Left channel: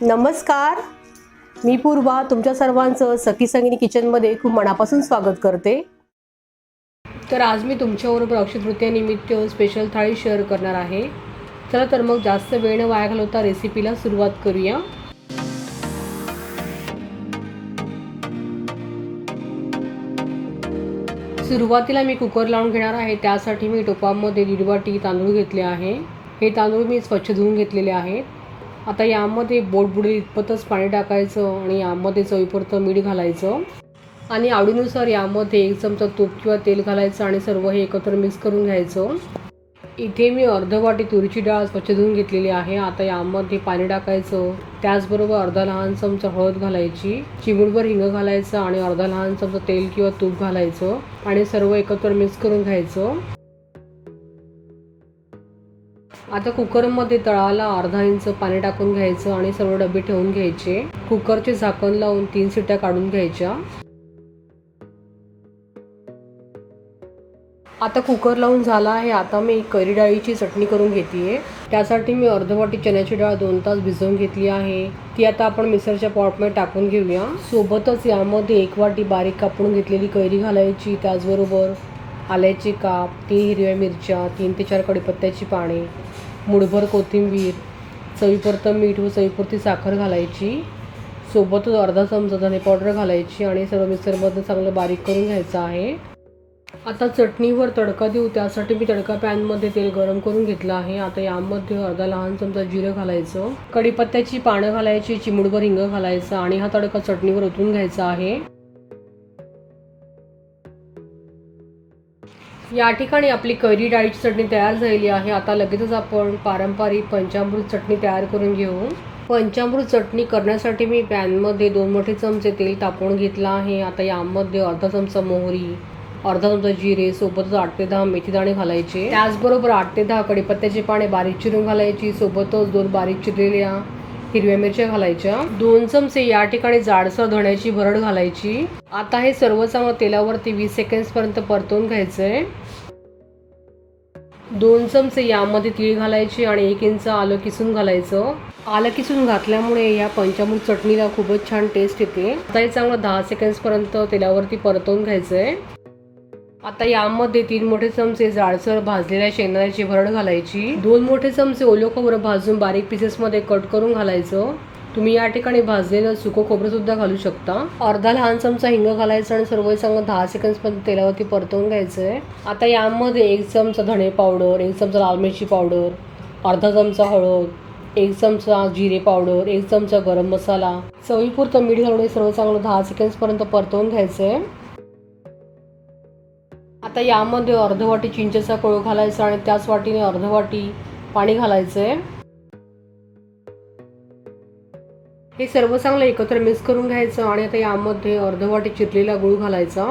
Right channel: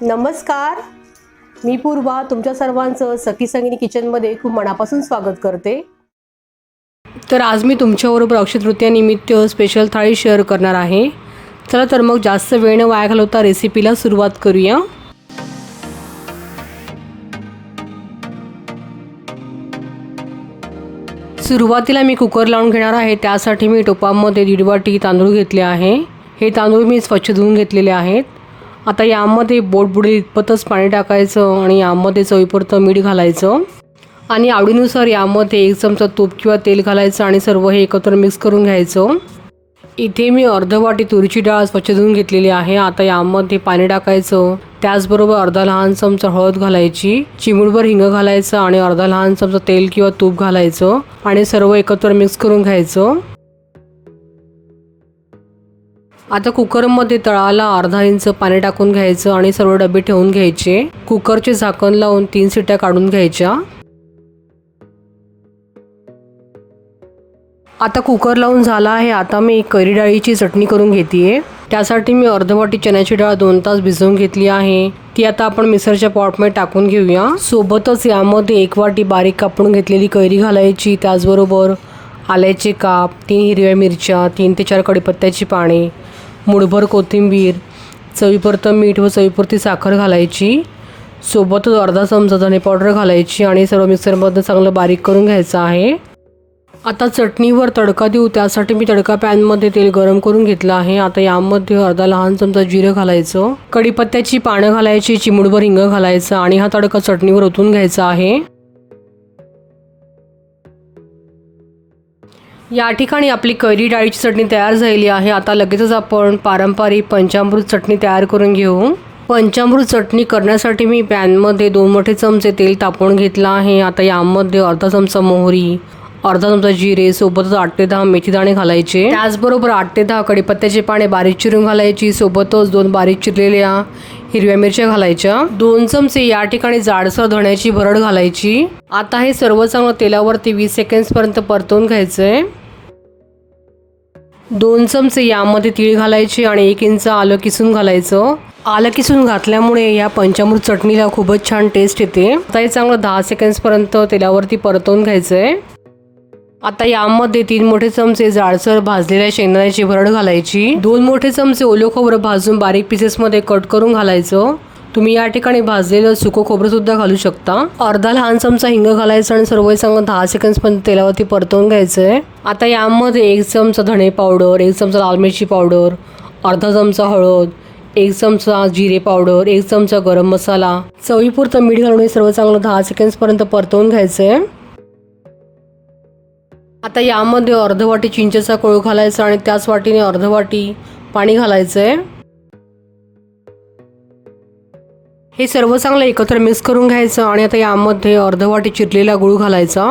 नमस्कार. मी पूर्वा तुमच्या सर्वांचं सखी संगिनी किचनमध्ये खूप मनापासून स्वागत करते. तर आज मी तुमच्याबरोबर अक्षयतृतीयानिमित्त स्पेशल थाळी शेअर करणार आहे. चला तर मग जास्त वेळ न वाया घालवता रेसिपीला सुरुवात करूया. सुरुवातीला मी कुकर लावून घेणार आहे. त्यासाठी मी टोपामध्ये दीड वाटी तांदूळ घेतले आहे. हे तांदूळ मी स्वच्छ धुवून घेतलेले आहेत. आता यामध्ये बोटबुडी इतपतच पाणी टाकायचं आणि यामध्ये चवीपुरतं मीठ घालायचं. आणि आवडीनुसार यामध्ये एक चमचा तूप किंवा तेल घालायचं आणि सर्व हे एकत्र मिक्स करून घ्यायचं. इथे मी अर्ध वाटी तुरीची डाळ स्वच्छ धुवून घेतलेली आहे. आता यामध्ये पाणी टाकायचं. त्याचबरोबर अर्धा लहान चमचा हळद घालायची. चिमुडभर हिंग घालायचं आणि अर्धा लहान चमचा तेल किंवा तूप घालायचं. आणि सर्व एकत्र मिक्स करून घ्यायचं. आता कुकरमध्ये तळाला अर्धा इंच पाणी टाकून घ्यायचं आणि सर्व डबे ठेवून घ्यायचे. कुकरचे झाकण लावून तीन सिट्या काढून घ्यायच्या. आता कुकर लावून झाला आहे. आता मी कैरी डाळीची चटणी करून घेते त्यासाठी मी अर्धवाटी चण्याची डाळ दोन तास भिजवून घेतली आहे. ती आता आपण मिक्सरच्या पॉटमध्ये टाकून घेऊया. सोबतच यामध्ये एक वाटी बारीक कापून घेतलेली कैरी घालायची त्याचबरोबर आल्याचे काप तीन हिरव्या मिरच्या तीन ते चार कडीपत्त्याची पाने मुठभर कोथिंबीर चवीपुरतं मीठ व चवीपुरती साखर घालायची. सोबतच अर्धा चमचा धने पावडर घालायची आणि सर्व मिक्सरमध्ये चांगलं बारीक करून घ्यायचं आहे. आता चटणीवर तडका देऊ. त्यासाठी मी तडका पॅनमध्ये तेल गरम करून घेतलं आहे. आता यामध्ये अर्धा लहान चमचा जिरं घालायचं. कढीपत्त्याची पानं घालायची चिमुडभर हिंग घालायचं आणि हा तडका चटणीवर ओतून घ्यायचा आहे. या ठिकाणी आपली कैरी डाळीची चटणी तयार झालेली आहे. आता लगेचच आपण पारंपरिक पंचामृत चटणी तयार करून घेऊ. पंचामृत चटणी करण्यासाठी मी पॅनमध्ये दोन मोठे चमचे तेल तापवून घेतलं आहे. आता यामध्ये अर्धा चमचा मोहरी अर्धा चमचा जिरे सोबतच आठ ते दहा मेथीदाणे घालायचे. त्याचबरोबर आठ ते दहा कडीपत्त्याचे पाने बारीक चिरून घालायची. सोबतच दोन बारीक चिरलेल्या हिरव्या मिरच्या घालायच्या. दोन चमचे या ठिकाणी जाडसर धण्याची भरड घालायची. आता हे सर्व चांगलं तेलावरती वीस सेकंड्स पर्यंत परतवून घ्यायचंय. दोन चमचे यामध्ये तीळ घालायचे आणि एक इंच आलं किसून घालायचं. आलं किसून घातल्यामुळे या पंचामृत चटणीला खूपच छान टेस्ट येते. आता हे चांगलं दहा सेकंड्सपर्यंत तेलावरती परतवून घ्यायचंय. आता यामध्ये तीन मोठे चमचे जाडसर भाजलेल्या शेंगदाण्याची भरड घालायची. दोन मोठे चमचे ओलं खोबरं भाजून बारीक पीसेसमध्ये कट करून घालायचं. तुम्ही या ठिकाणी भाजलेलं सुकं खोबरंसुद्धा घालू शकता. अर्धा लहान चमचा हिंग घालायचं आणि सर्व चांगलं दहा सेकंड्स पण तेलावरती परतवून आहे आता यामध्ये एक चमचा धणे पावडर एक चमचा लाल मिरची पावडर अर्धा चमचा हळद एक चमचा जिरे पावडर एक चमचा गरम मसाला. चवीपुरतं मीठ घालून हे सर्व चांगलं दहा सेकंड्स परतवून घ्यायचं आहे आता यामध्ये अर्ध वाटी चिंचेचा कोळ घालायचा आणि त्याच वाटीने अर्ध वाटी पाणी आहे हे सर्व चांगलं एकत्र मिक्स करून घ्यायचं आणि आता यामध्ये अर्धवाटी चिरलेला गुळ घालायचा.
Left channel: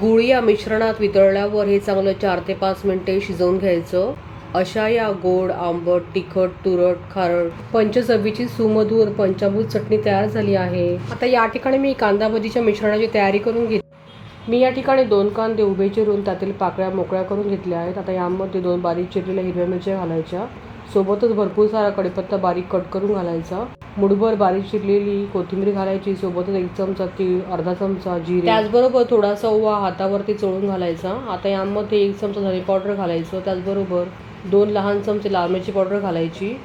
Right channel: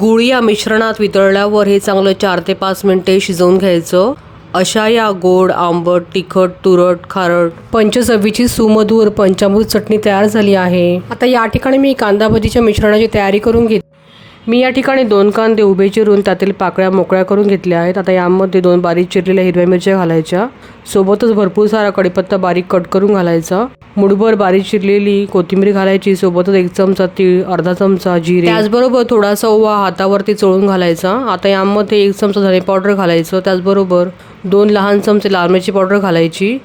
गुळ या मिश्रणात वितळल्यावर हे चांगलं चार ते पाच मिनिटे शिजवून घ्यायचं. अशा या गोड आंबट तिखट तुरट खारट पंचचवीची सुमधूर पंचामृत चटणी तयार झाली आहे. आता या ठिकाणी मी कांदा भजीच्या मिश्रणाची तयारी करून घेते. मी या ठिकाणी दोन कांदे उभे चिरून त्यातील पाकळ्या मोकळ्या करून घेतल्या आहेत. आता यामध्ये दोन बारीक चिरलेल्या हिरव्या मिरच्या घालायच्या. सोबतच भरपूर सारा कढीपत्ता बारीक कट करून घालायचा. मुठभर बारीक चिरलेली कोथिंबीर घालायची. सोबतच एक चमचा तीळ अर्धा चमचा जिरे. त्याचबरोबर थोडासा ओवा हातावरती चोळून घालायचा. आता यामध्ये एक चमचा धने पावडर घालायचं. त्याचबरोबर दोन लहान चमचे लाल मिरची पावडर घालायची.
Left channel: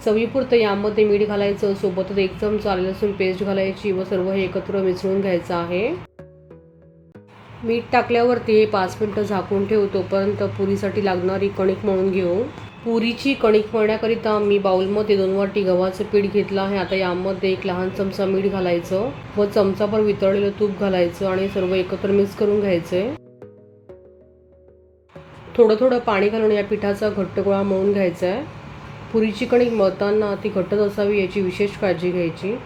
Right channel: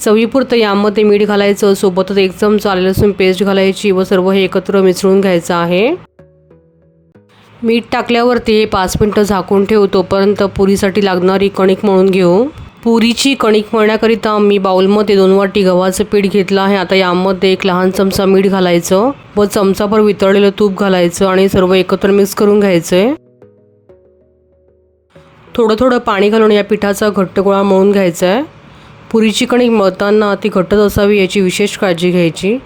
चवीपुरतं यामध्ये मीठ घालायचं सोबतच एक चमचा आले लसूण पेस्ट घालायची व सर्व हे एकत्र मिसळून घ्यायचं आहे. मीठ टाकल्यावरती हे पाच मिनटं झाकून ठेवू. तोपर्यंत पुरीसाठी लागणारी कणिक मळून घेऊ. पुरीची कणिक मळण्याकरिता मी बाऊलमध्ये दोन वाटी गव्हाचं पीठ घेतलं आहे. आता यामध्ये एक लहान चमचा मीठ घालायचं व चमचाभर वितळलेलं तूप घालायचं आणि सर्व एकत्र मिक्स करून घ्यायचं. आहे थोडं थोडं पाणी घालून या पिठाचा घट्ट गोळा मळून घ्यायचा आहे. पुरीची कणिक मळताना ती घट्टच असावी याची विशेष काळजी घ्यायची.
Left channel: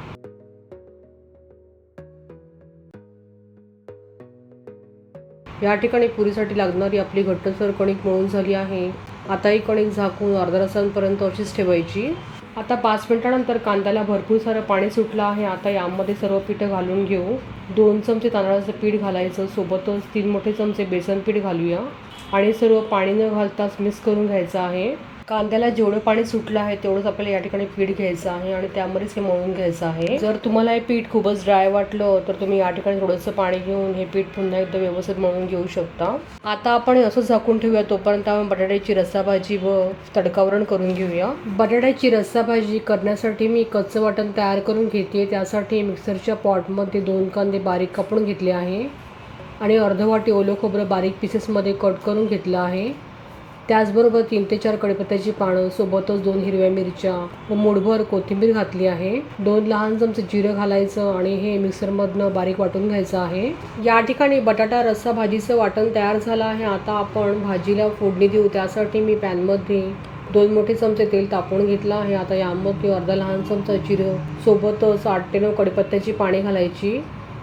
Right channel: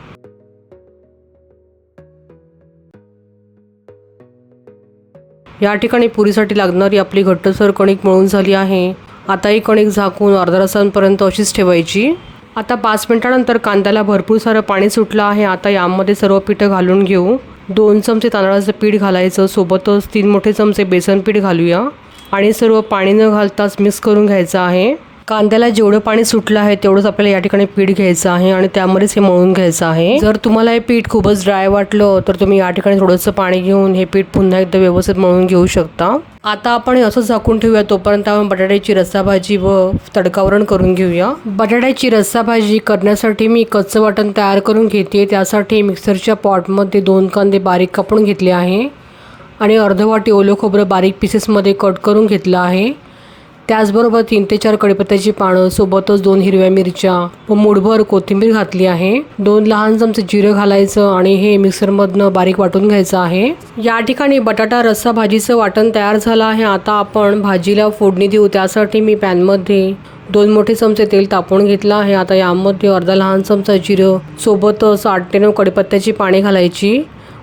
या ठिकाणी पुरीसाठी लागणारी आपली घट्टसर कणिक मळून झाली आहे. आता ही कणिक झाकून अर्धा तासांपर्यंत अशीच ठेवायची. आता पाच मिनिटानंतर कांद्याला भरपूर सारं पाणी सुटलं आहे. आता यामध्ये सर्व पिठं घालून घेऊ. दोन चमचे तांदळाचं पीठ घालायचं. सोबतच तीन मोठे चमचे बेसन पीठ घालूया. आणि सर्व पाणी न घालताच मिक्स करून घ्यायचं आहे. कांद्याला जेवढं पाणी सुटलं आहे तेवढंच आपल्याला या ठिकाणी पीठ घ्यायचं आहे आणि त्यामध्येच हे मळून घ्यायचं आहे. जर तुम्हाला हे पीठ खूपच ड्राय वाटलं तर तुम्ही या ठिकाणी थोडंसं पाणी घेऊन हे पीठ पुन्हा एकदा व्यवस्थित मळून घेऊ शकता. आता आपण असं झाकून ठेवूया तोपर्यंत आपण बटाट्याची रस्सा भाजी व तडकावरण करून घेऊया. बटाट्याची रस्सा भाजी करण्यासाठी मी कच्चं वाटण तयार करून घेते. त्यासाठी मिक्सरच्या पॉटमध्ये दोन कांदे बारीक कापून घेतले आहे आणि अर्ध वाटी ओलं खोबरं बारीक पीसेसमध्ये कट करून घेतलं आहे. त्याचबरोबर तीन ते चार कडीपत्त्याची पानं सोबतच दोन हिरव्या मिरच्या व मुठभर कोथिंबीर घातली आहे. दोन लहान चमचे जिरं घालायचं आणि हे मिक्सरमधनं बारीक वाटून घ्यायचं आहे. या ठिकाणी बटाटा रस्सा भाजीचं वाटण तयार झालं आहे. आता आपण भाजीला फोडणी देऊ. त्यासाठी मी पॅनमध्ये दोन मोठे चमचे तेल तापवून घेतलं आहे. आता यामध्ये अर्धा लहान चमचा जिरं सोबतच आठ ते नऊ कडीपत्त्याची पाने घालायची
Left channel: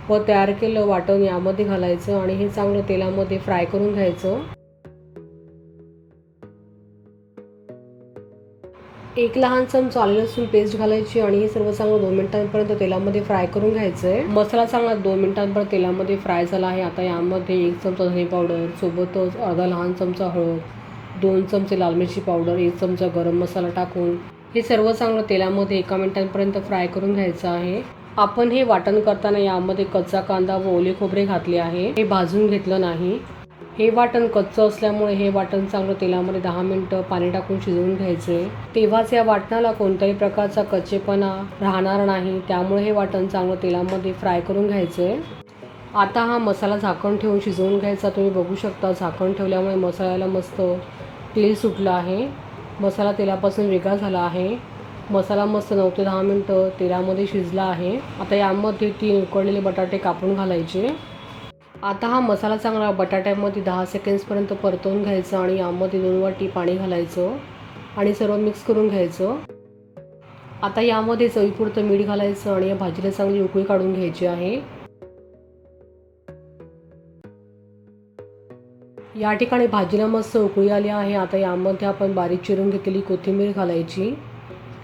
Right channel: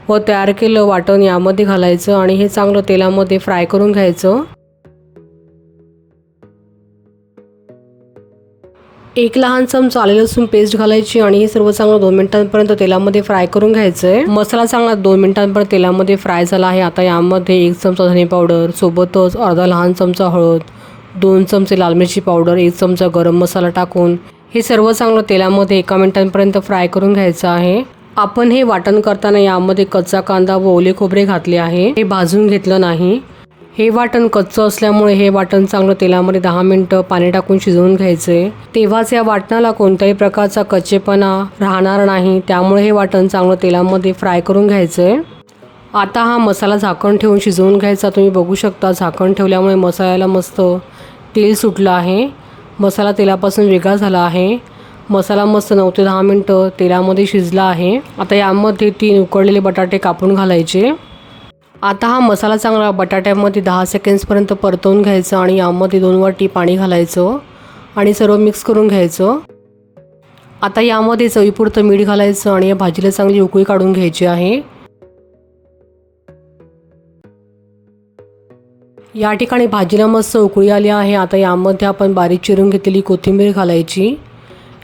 व तयार केलं वाटण यामध्ये घालायचं आणि हे चांगलं तेलामध्ये फ्राय करून घ्यायचं. एक लहान चमचा आले लसूण पेस्ट घालायची आणि हे सर्व चांगलं दोन मिनिटांपर्यंत तेलामध्ये फ्राय करून घ्यायचं आहे मसाला चांगला दोन मिनिटांपर्यंत तेलामध्ये फ्राय झाला आहे. आता यामध्ये एक चमचा धने पावडर सोबतच अर्धा लहान चमचा हळद दोन चमचे लाल मिरची पावडर एक चमचा गरम मसाला टाकून हे सर्व चांगलं तेलामध्ये एका मिनिटांपर्यंत फ्राय करून घ्यायचं आहे. आपण हे वाटण करताना यामध्ये कच्चा कांदा व ओले खोबरे घातले आहे. हे भाजून घेतलं नाही. हे वाटण कच्चं असल्यामुळे हे वाटण चांगलं तेलामध्ये दहा मिनटं पाणी टाकून शिजवून घ्यायचे. तेव्हाच या वाटणाला कोणत्याही प्रकारचा कच्चेपणा राहणार नाही त्यामुळे हे वाटण चांगलं तेलामध्ये फ्राय करून घ्यायचंय आता हा मसाला झाकण ठेवून शिजवून घ्यायचा. तुम्ही बघू शकता झाकण ठेवल्यामुळे मसाल्याला मस्त तेल सुटलं आहे. मसाला तेलापासून वेगळा झाला आहे. मसाला मस्त नऊ ते दहा मिनटं तेलामध्ये शिजला आहे. आता यामध्ये तीन उकडलेले बटाटे कापून घालायचे. आता हा मसाला चांगला बटाट्यामध्ये दहा सेकंड्सपर्यंत परतवून घ्यायचं आणि यामध्ये दोन वाटी पाणी घालायचं आणि सर्व मिक्स करून घ्यायचं. आता यामध्ये चवीपुरतं मीठ घालायचं आणि या भाजीला चांगली उकळी काढून घ्यायची आहे. या ठिकाणी भाजीला मस्त उकळी आली आहे. आता यामध्ये आपण बारीक चिरून घेतलेली कोथिंबीर घालायची.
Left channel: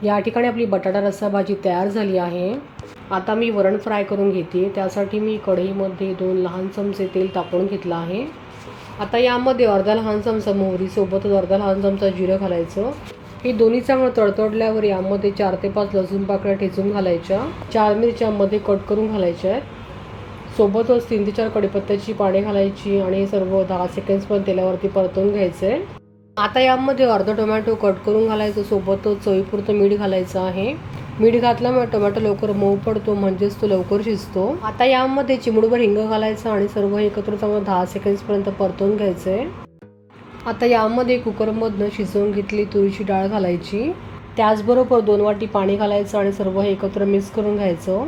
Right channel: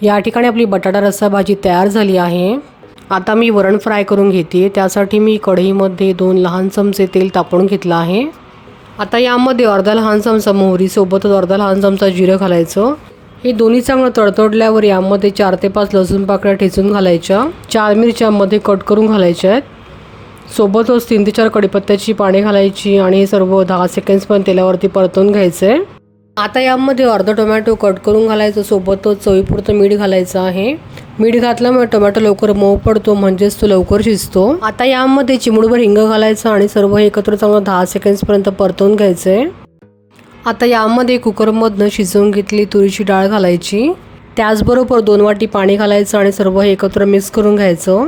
या ठिकाणी आपली बटाटा रस्सा भाजी तयार झाली आहे. आता मी वरण फ्राय करून घेते त्यासाठी मी कढईमध्ये दोन लहान चमचे तेल तापवून घेतलं आहे. आता यामध्ये अर्धा लहान चमचा मोहरी सोबतच अर्धा लहान चमचा जिरं घालायचं. हे दोन्ही चांगलं तडतडल्यावर यामध्ये चार ते पाच लसूण पाकळ्या ठेचून घालायच्या. चार मिरच्यामध्ये कट करून घालायच्या आहेत. सोबतच तीन ते चार कढीपत्त्याची पाने घालायची आणि हे सर्व दहा सेकंड्सपर्यंत तेलावरती परतून घ्यायचं आहे आता यामध्ये अर्धा टोमॅटो कट करून घालायचं. सोबतच चवीपुरतं मीठ घालायचं आहे. मीठ घातल्यामुळे टोमॅटो लवकर मऊ पडतो म्हणजेच तो लवकर शिजतो. आता यामध्ये चिमूडभर हिंग घालायचं आणि सर्व हे एकत्र चांगलं दहा सेकंड्सपर्यंत परतवून घ्यायचं आहे आता यामध्ये कुकरमधनं शिजवून घेतली तुरीची डाळ घालायची. त्याचबरोबर दोन वाटी पाणी घालायचं आणि सर्व हे एकत्र मिक्स करून घ्यायचं.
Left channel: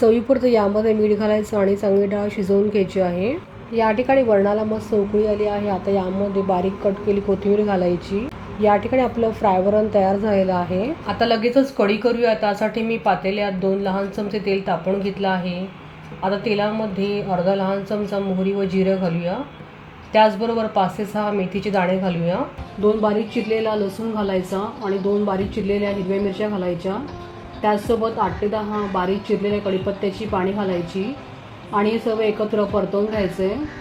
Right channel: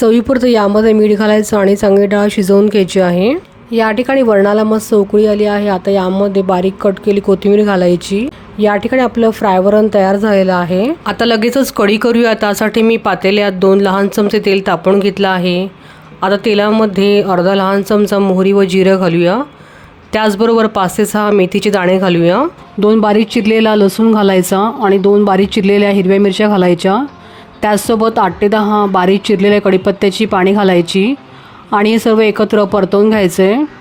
चवीपुरतं यामध्ये मीठ घालायचं आणि चांगली डाळ शिजवून घ्यायची आहे. या ठिकाणी वरणाला मस्त उकळी आली आहे. आता यामध्ये बारीक कट केली कोथिंबीर घालायची. या ठिकाणी आपलं फ्रायवरण तयार झालेलं आहे. आता लगेचच कढी करूया. त्यासाठी मी पातेल्यात दोन लहान चमचे तेल तापवून घेतलं आहे. आता तेलामध्ये अर्धा लहान चमचा मोहरी व जिरं घालूया. त्याचबरोबर पाच ते सहा मेथीचे दाणे घालूया. दोन बारीक चिरलेला लसूण घालायचा आणि दोन बारीक चिरलेल्या हिरव्या मिरच्या घालायच्या. त्याचसोबत आठ ते दहा बारीक चिरलेल्या कढीपत्त्याची पाणी घालायची. आणि हे सर्व एकत्र परतवून घ्यायचे.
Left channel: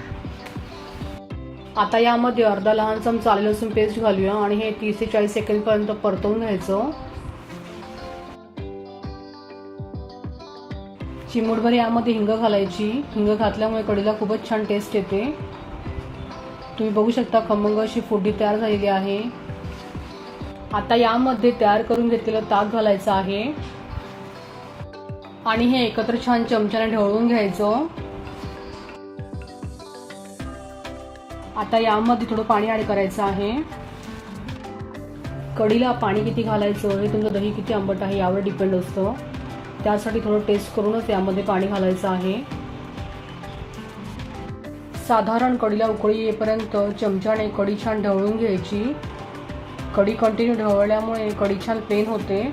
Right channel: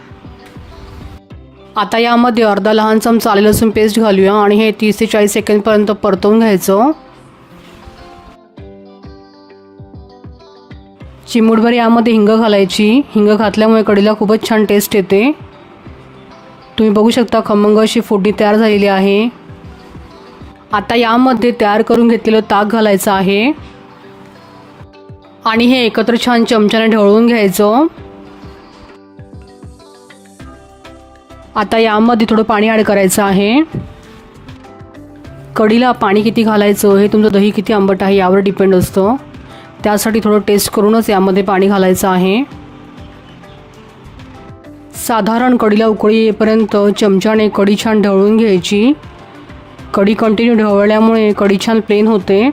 आता यामध्ये अर्धा लहान चमचा आले लसूण पेस्ट घालूया आणि हे तीस ते चाळीस सेकंडपर्यंत परतवून घ्यायचं. चिमूटभर यामध्ये हिंग घालायची. हिंग घातल्यामुळे कढीला खूपच छान टेस्ट येते. तुम्ही बघू शकता खमंग अशी फोडी तयार झालेली आहे. आता यामध्ये तयार करून घेतलेलं ताक घालायचं आहे. आणि हे एकत्र छान चमच्याने ढवळून घ्यायचं. आता यामध्ये थोडं पाणी ॲड करायचं आहे. कढीला पाणी किती घालायचं? हे तुमचं दही किती आंबट आहे यावर डिपेंड असतं. त्यासाठी थोडं टेस्ट करूनच यामध्ये पाणी घालायचं आहे. साधारण कढीला उकळी येईपर्यंत चमच्याने कढी छान ढवळून घ्यायची. कढी कंटिन्यू ढवळल्यामुळे कढी छान प्लेन होते.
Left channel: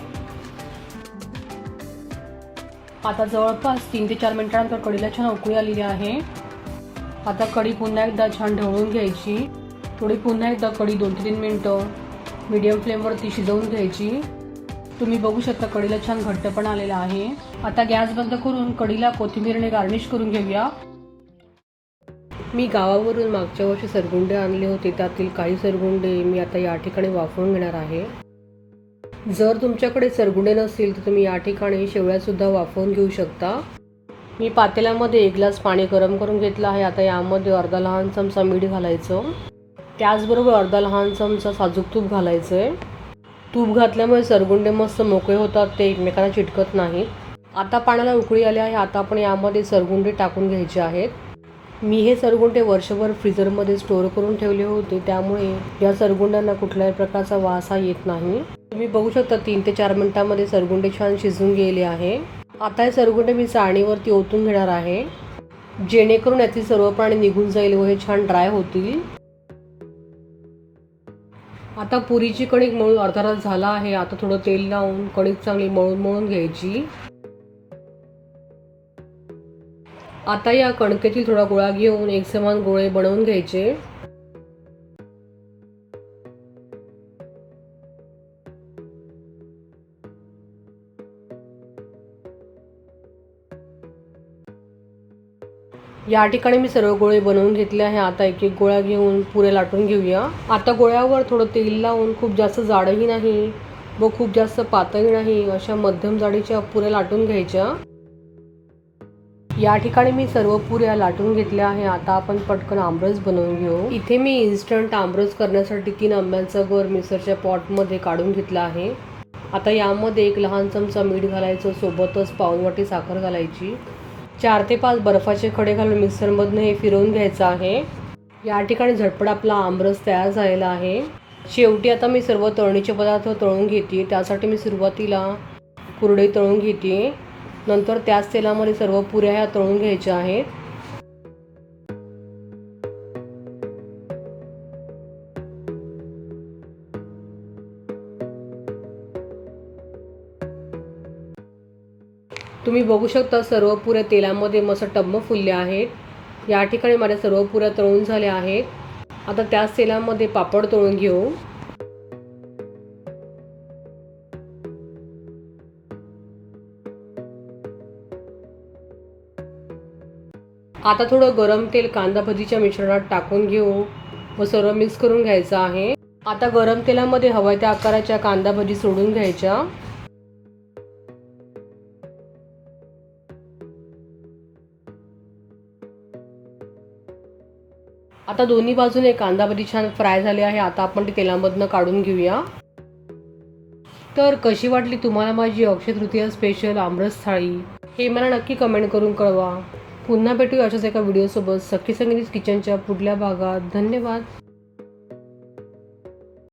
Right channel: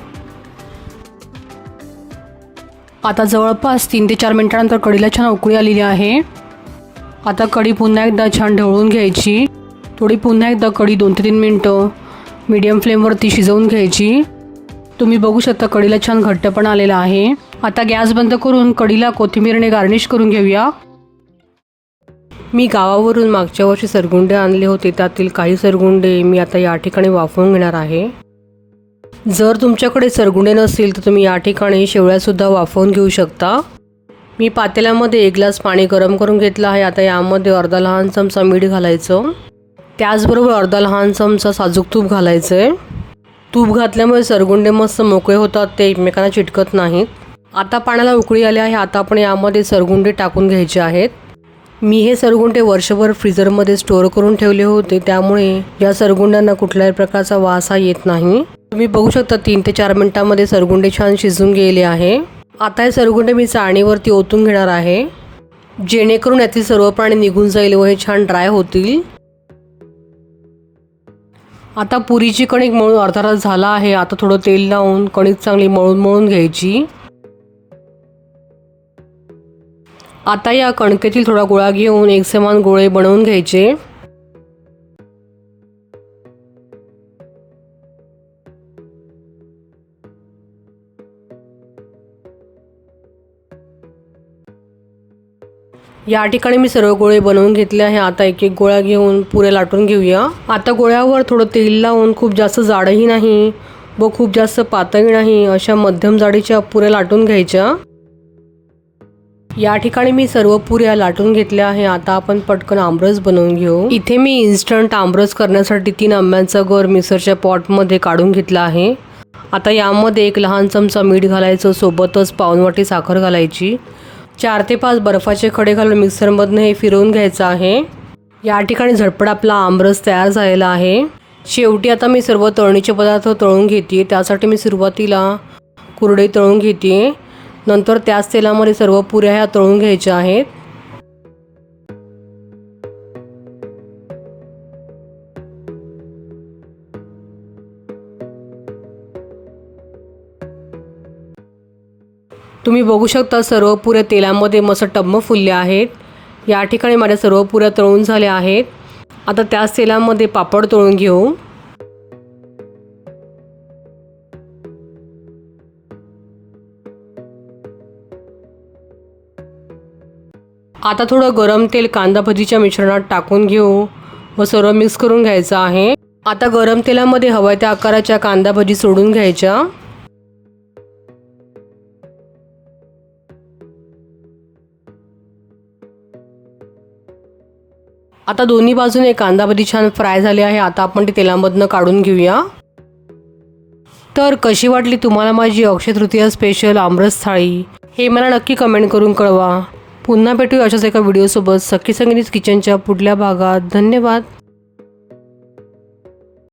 आता जवळपास तीन ते चार मिनटानंतर कढीला छान उकळी आलेली आहे. आता कढी पुन्हा एकदा छान ढवळून घ्यायची. थोडी पुन्हा एकदा कढी दोन ते तीन मिनटं मीडियम फ्लेमवरती शिजवून घ्यायची. तुम्ही बघू शकता कढीला छान घट्टपण आलेला आहे. आता गॅस बंद करून कढीला कोथिंबीरने गार्निश करून घेऊया. मी गावावरून मागच्या वर्षी सरगुंडे आणले होते त्यातील काही सरगुंडे मी आता या ठिकाणी वाफवून घेणार आहे. जर तुमच्याकडे सरगुंडे नसतील तर तुम्ही या ठिकाणी शेवळ्यासुद्धा वाफवून घेऊ शकता. मी पातेल्यामध्ये एक ग्लास पाणी गरम करून घेतलं आहे. आता यामध्ये अर्धा लहान चमचा मीठ घालायचं. त्याचबरोबर अर्धा लहान चमचा साजूक तूप घालायचं आहे तूप घातल्यामुळे सरगुंडे मस्त मोकळे होतात. ते एकमेकांना चिटकत नाहीत. आता पाण्याला उकळी आली आहे. आता आपण यामध्ये सरगुंडे टाकून घ्यायचे आहेत. मी हे सरगुंडे वर्षभर फ्रीजरमध्ये स्टोअर करून ठेवले होते. त्यामुळे या सरगुंड्यांना कुठल्याही प्रकारचा वास हा येत नाही. तुम्ही बघू शकता तीन ते चार मिनिटांमध्ये सरगुंडे छान शिजून गेले आहे. आता हे सरगुंडे मी चाळणीवरती ओतून घेणार आहे. जेणेकरून यातील सर्व पाणी निघून जाईल व हे छान ड्राय होतील. आता पुरीची कणिक मळून अर्धा तास झाला आहे. आता थोडं तेल लावून कणिक चांगली मळून मळून घ्यायची. आता या कणकेतील थोडा गोळा घेऊन एक समान गोळे बनवून घ्यायचे. या ठिकाणी मी सर्व गोळे बनवून घेतले आहे. आता एक एक गोळा घेऊन पुरे लाटून घेऊया. आता गोळ्यावर थोडं तेल लावून खूप जास्त जाडही नाही व खूप जास्त पातळी नाही अशा मध्यम जाडीच्या पुऱ्या लाटून घ्यायच्या. या ठिकाणी मी सर्व पुऱ्या लाटून घेतल्या आहे. आता आपण पटकन आमरस बनवून घेऊ. इथे मी इन्स्टंट आमरस करण्यासाठी तीन आंब्यांचा गर मिक्सरच्या पॉटमध्ये काढून घेतला आहे. आता यामध्ये एक लहान चमचा मीठ घालायचं सोबतच पाऊनवाटी साखर घालायची. चार ते पाच बर्फाचे खडे घालून मिक्सरमधनं हे फिरवून घ्यायचं आहे. या ठिकाणी झटपट आपला आमरस तयार झालेला आहे. शेवटी आता मी सर्व तळणीचे पदार्थ तळून घेते. त्यासाठी मी सुरुवातीला कुरडई तळून घेते. नंतर त्याच तेलामध्ये सर्व पुऱ्या ह्या तळून घ्यायच्या आहेत. तुम्ही बघू शकता सर्व पुऱ्या तेलामध्ये मस्त टम्म फुलले आहेत. या ठिकाणी माझ्या सर्व पुऱ्या तळून झाल्या आहेत. आता त्याच तेलामध्ये पापड तळून घेऊ. आता थोडं गरम तेल कांदा भजीच्या मिश्रणात टाकून घेऊ. व सर्व मिक्स करून घ्यायचं आहे. आता गरम तेलामध्ये हव्या त्या आकाराच्या कांदा भजी सोडून घ्यायच्या. आता दोन्ही बाजूने कांदा भजी छान फ्राय झाले आहे. आता आपण ते तेलामधनं काढून घेऊया. तर कशी वाटली तुम्हाला माझी अक्षय तृतीया स्पेशल आमरस थाळी? हे मला नक्की कमेंट करून कळवा. पुन्हा भेटू अशाच एका व्हिडिओसोबत सखी संगीत किचनच्या पुढल्या भागात. धन्यवाद.